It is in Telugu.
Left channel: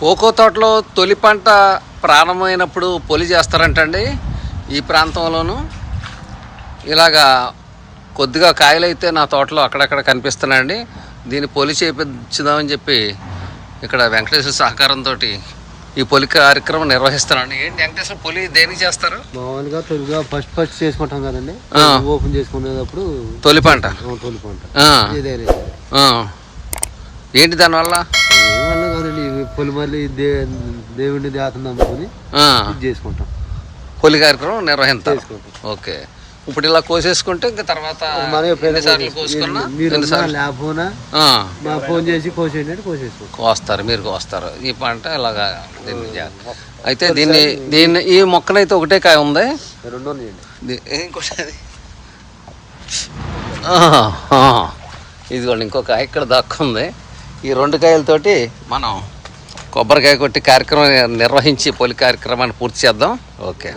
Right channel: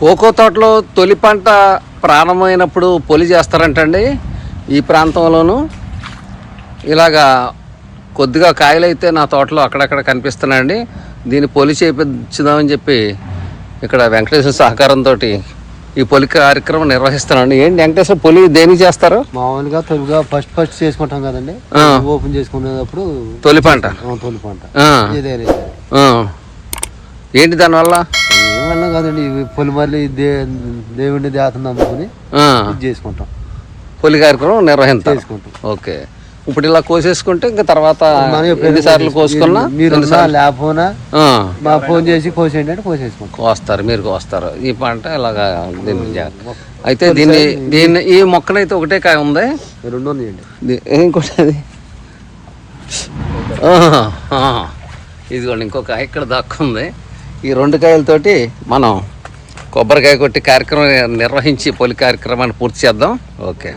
కోకో తోటలో తొలి పంట ప్రారంభమైనప్పుడు పొలి చేస్తారంటండి ఈ ప్రాంతంలోనూ. ఇలాగా కొద్దిగా కాయలు అయితే నా తోటలో అక్కడక్కడ కనిపిస్తున్నాయండి. దీన్ని పొలి చేపించుదామని చెప్పి ఇక్కడ వెంకటేశ్వర సహకారంతో ఈ పొలి కార్యక్రమం నిర్వహిస్తున్నాండి ఏంటి వెంకటేశ్వర పొలి దేనికి చేస్తారు? మామూలుగా తొలిగా ఫస్ట్ ఫస్ట్ చేసుకుంటాం కదండి. ఓపెన్ చేసుకునేటప్పుడు తొలి పంట. తొలి పంట. ఏంటి దానివల్ల? ఏమన్నా కాదండి ఇవి పొలి మళ్ళీ దే దేవుడిని దేవతను నమ్ముకుని ఇది చేసుకుంటాం. పొలి కార్యక్రమం నిర్వహిస్తారు ఓకే. ఇప్పుడు ఇలా కోసేసుకుంటే ఇంకా తర్వాత ఎన్నిసార్లు కోసుకున్నా మీరు ఎన్నిసార్లు లేకపోయినా ఆ, మా ఫోన్ చేసి కోసేయండి అంటే కోసేసుకుంటాం. కోస్తారు మీరు కోస్తారు. ఈ పంట ఇలాగా దీన్ని అయితే దీన్ని దీన్ని ఈ మొక్కనైతే ఒకటే కాయ ఉంది? ఇంకోటి అది. ఇదిగోండి ఇంకో కాయ ఇక్కడ దక్కుంది. ఈ రెండు కాయలతోటి మనం కొబ్బరికాయ కొట్టి కార్యక్రమం నిర్వహించి పొలి కార్యక్రమాన్ని పూర్తి చేద్దాం. ఓకే.